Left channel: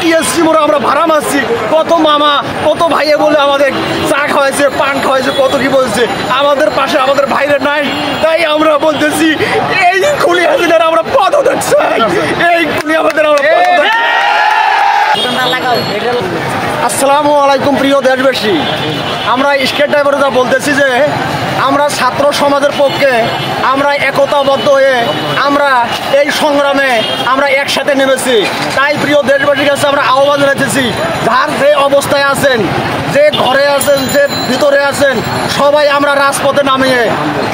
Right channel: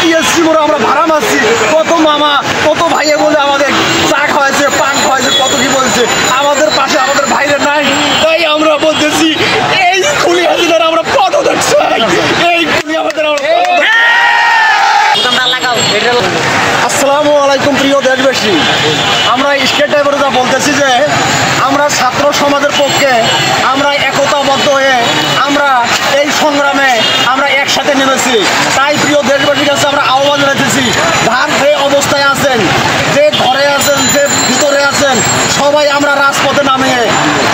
TSC মোড়ে আমরা ভাড়া মারছি, কত মামা কত ভাইয়ে বলে আমাদের চা খাওয়াইছে, পান খাওয়াইছে, কত কি বলছে। আমাদের পাশে আমাদের ভাইরা নাই, তাই আমরা বলতেছি এই খুনি হাসিনার আমরা পদত্যাগ চাই, এই খুনি আমাদের আমরা আসসালামু আলাইকুম প্রিয় দেশবাসী। আমরা স্টেট ড্রাইভাররা বলতেছি যে আমরা ছাত্র সমাজের পক্ষে আমরা একতাবদ্ধ হয়ে আমরা এই সংগ্রামে আমরা একসাথে নেমেছি। তাই প্রিয় দেশবাসীর কাছে আমরা আহ্বান জানাতেছি, যার যে অবস্থায় আছেন, যে ঘরে আছেন, যে ভিতরে আছেন, সবাই আমরা রাজপথে নামিয়ে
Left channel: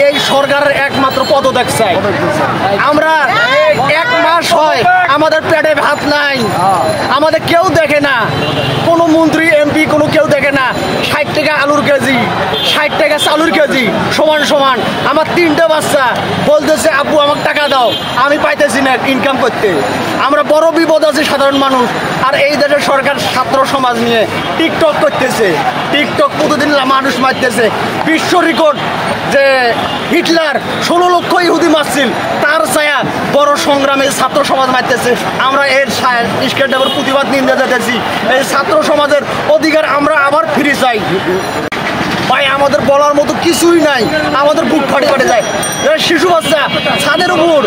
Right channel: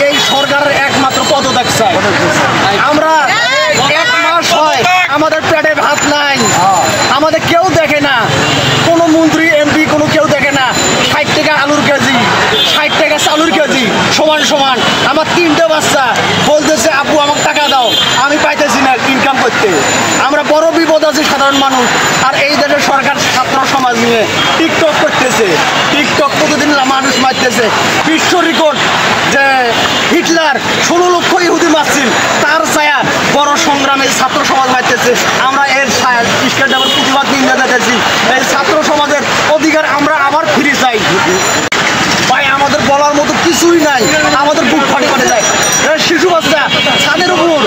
এই সরকারের একমাত্র পদত্যাগ চাই। আমরা এক মাস হয় আমাদের পেটে ভাত নাই, আমাদের কেউ দেখে না, কোনো মন্ত্রী এমপি কোনো কেউ দেখে না। 60 টাকা আলুর কেজি, 60 টাকা চালুর কেজি সমান সমান। আমার 3টে বাচ্চা বলতেছে আব্বু আমাকে টাকা দাও, আমি পাইতেছি না ইনকাম করতে। আমরা বড় বিপদ আছি সাধারণ মানুষ। আর এই দেশের সরকার ছাত্র সমাজ নিয়ে টিকটক করতেছে, টিকটক প্রতিদিন মানুষ মারতেছে। বিশ্ব রেকর্ড যে হিটলার 16 লক্ষ ইহুদি মারছিল, তার ছায়া বড় সংগ্রামে ছাত্র সমাজ মারতেছে। আমরা এর স্কেট ডাবল প্রতিবাদ নিয়ে যেতেছি। এই ছাত্র সমাজের অধিকার আমরা আবার ফিরে চাই ভাই। আমাদের বলার মতো কিছুই নাই, আমাদের বুক ফাটে ফাটে যায়। শিশু বাচ্চা ছাদের উপর,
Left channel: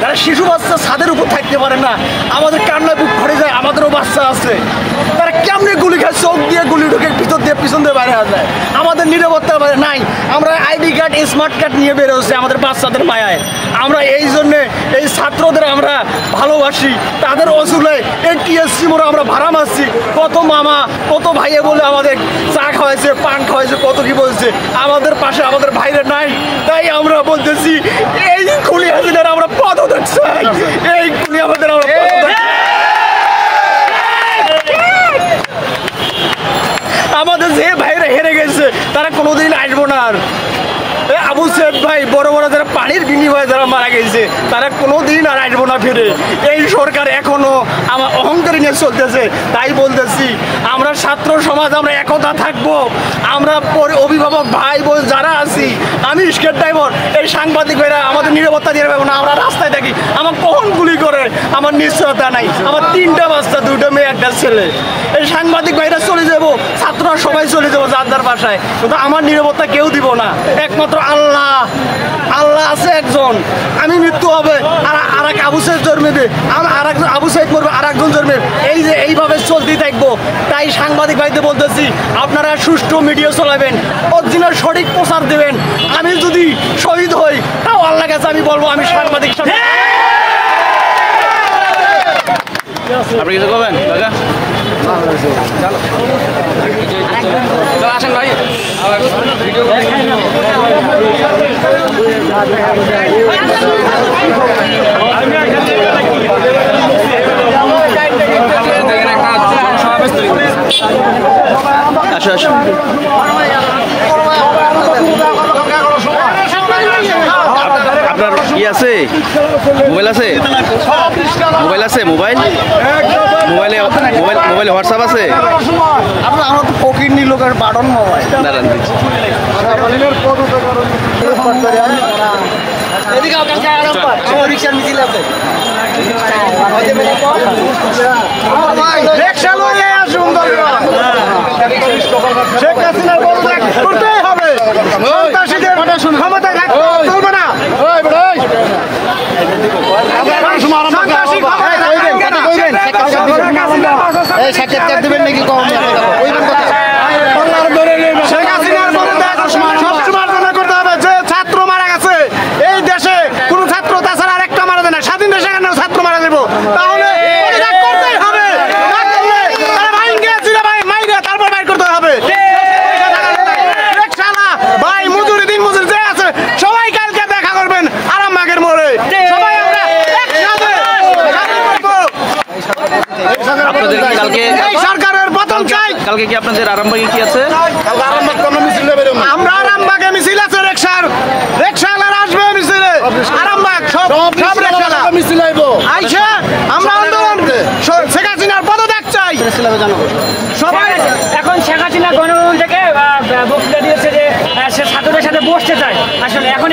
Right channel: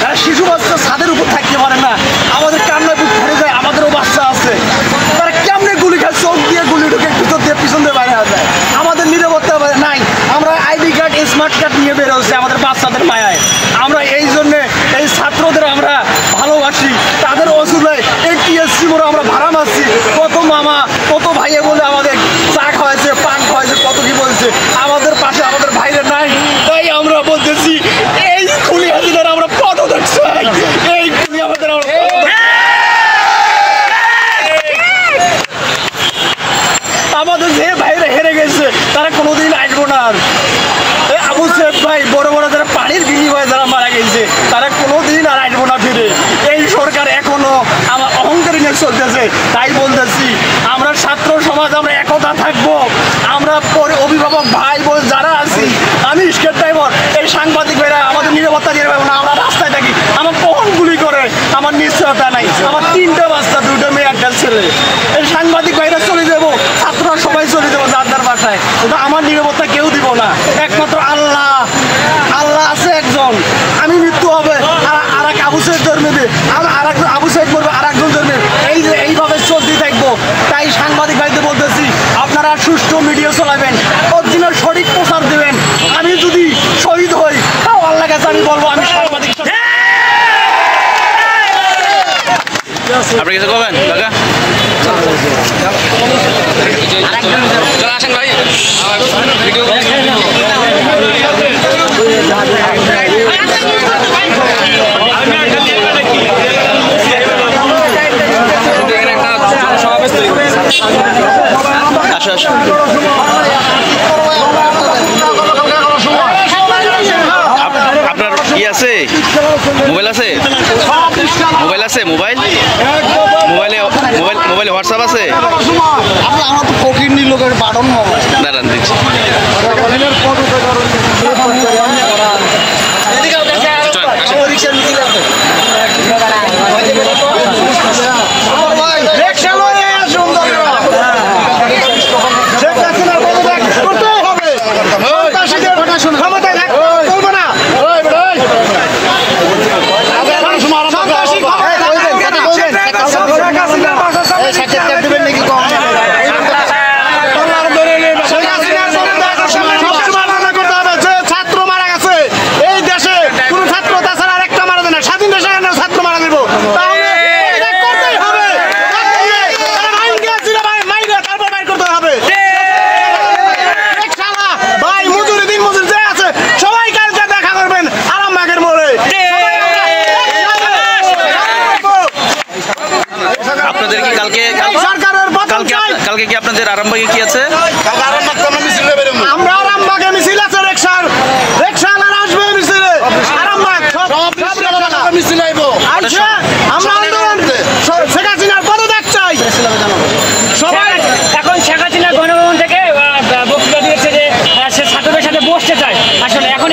তারা শিশু বাচ্চা ছাদের উপর থাকতে পারে না, আমাদের কান্নায় বুক ফাটে যায়। আমাদেরও বাচ্চা আছে, তারা কেমনে গুলি খায়, চোখ দিয়ে গুলি ঢুকে ভিতর দিয়ে পিছন দিয়ে বাইরে যায়। আমাদের নিরাপত্তা নাই, আমরা আইডি কার্ড স্মার্ট কার্ড নিয়ে বের হচ্ছে আমাদের বাচ্চাদের মায়ায়। আমরা এই জন্যে এই ছাত্রদের আমরা ভালোবাসি, তাদের অসুবিধায় এই টিএসসি মোড়ে আমরা ভাড়া মারছি, কত মামা কত ভাইয়ে বলে আমাদের চা খাওয়াইছে, পান খাওয়াইছে, কত কি বলছে। আমাদের পাশে আমাদের ভাইরা নাই, তাই আমরা বলতেছি এই খুনি হাসিনার আমরা পদত্যাগ চাই, এই খুনি আমাদের আমরা আমাদের যে ভাইরা হেরে গেছে তারা কোনোদিন আসবো না। আর আবু সাইদ ভাই বড় বড় যারা পানির বিনিময়ে যারা মারা গেছে তারা কোনোদিন আর আসবো না ফিরে। এই সরকার এখনো আমার অহংকারী নিয়ে চলতেছে। তাই বলতেছি আমরা ছাত্র সমাজ আমরা একতা থাকবো। আমরা অভিভাবক ভাই বোন যারা আছি, আমি স্টেট ড্রাইভার, এই সাংবাদিক ভাইরা আমাদের নিরাপত্তা দিয়ে পাবো না। আমরা রাস্তায় থাকি, আমার কখন গুলি করে আমার নিশ্চয়তা নাই। আমার 3টে বাচ্চা, 2টা মেয়ে, 1টা ছেলে। এই সাংবাদিক ভাইরা চলে যাবো, ছাত্ররা সবাই চলে যাবো যার যার বাসায়, কিন্তু আমার নিরাপত্তা কেউ দিব না। একমাত্র আল্লাহ, আল্লাহ আছে একজন। আমি মৃত্যু হবে আর এক আবু সাইদ জন্মেবে, আর একজন আবু সাইদ মরবে, আর একজন জন্মে, এই যে এইভাবে চলতেই থাকবো। তাই সাংবাদিক ভাইদের বলতেছি আপনারা সুষ্ঠু মিডিয়া চালাবেন, অরিজিনাল সঠিক প্রচার দেবেন। আমি যদি শহীদ হই তাও আল্লাহ কাছে আমি বলবো আমি সাংবাদিক। আপনি কিছু করবেন কাকা? আসো আসো। আপনার কি আছে? মোবাইল আছে? মোবাইল আছে? মোবাইলে হোয়াটসঅ্যাপ আছে? আমরা তো ফকির নি লোকের বাটন মোবাইল দাঁড়ান দিচ্ছি। ছাত্র মারা গেছে এই দেশে, কোন ছাত্র তাছাড়া আরেকটা মারা দেয় না। স্বাধীন দেশে ছাত্র মারা দেব, তাহলে করতেই হবে। তারপর বাইর করতে হবে ভাই। মজুরি দিন মজুরি যে আছে সবাই কালকে দেখা করবেন আরামবাগের মোড়ে। আপনাদের কি কালকে কালকে কি আপনাদের আরামবাগে কি আছে? আমরা আরামবাগে মিছিল আছে, রিকশাওয়ালারা আসবে মিছিলে। আরামবাগ সব মিছিল আইবো। আচ্ছা আমরা আন্দোলন শেখ হাসিনার পদত্যাগ চাই সবাই। এখন শেখ হাসিনা গণভবন থেকে বক্তৃতা দিয়েছে যে সে ছাত্রদের সাথে বসতে চায়। আসলে এখন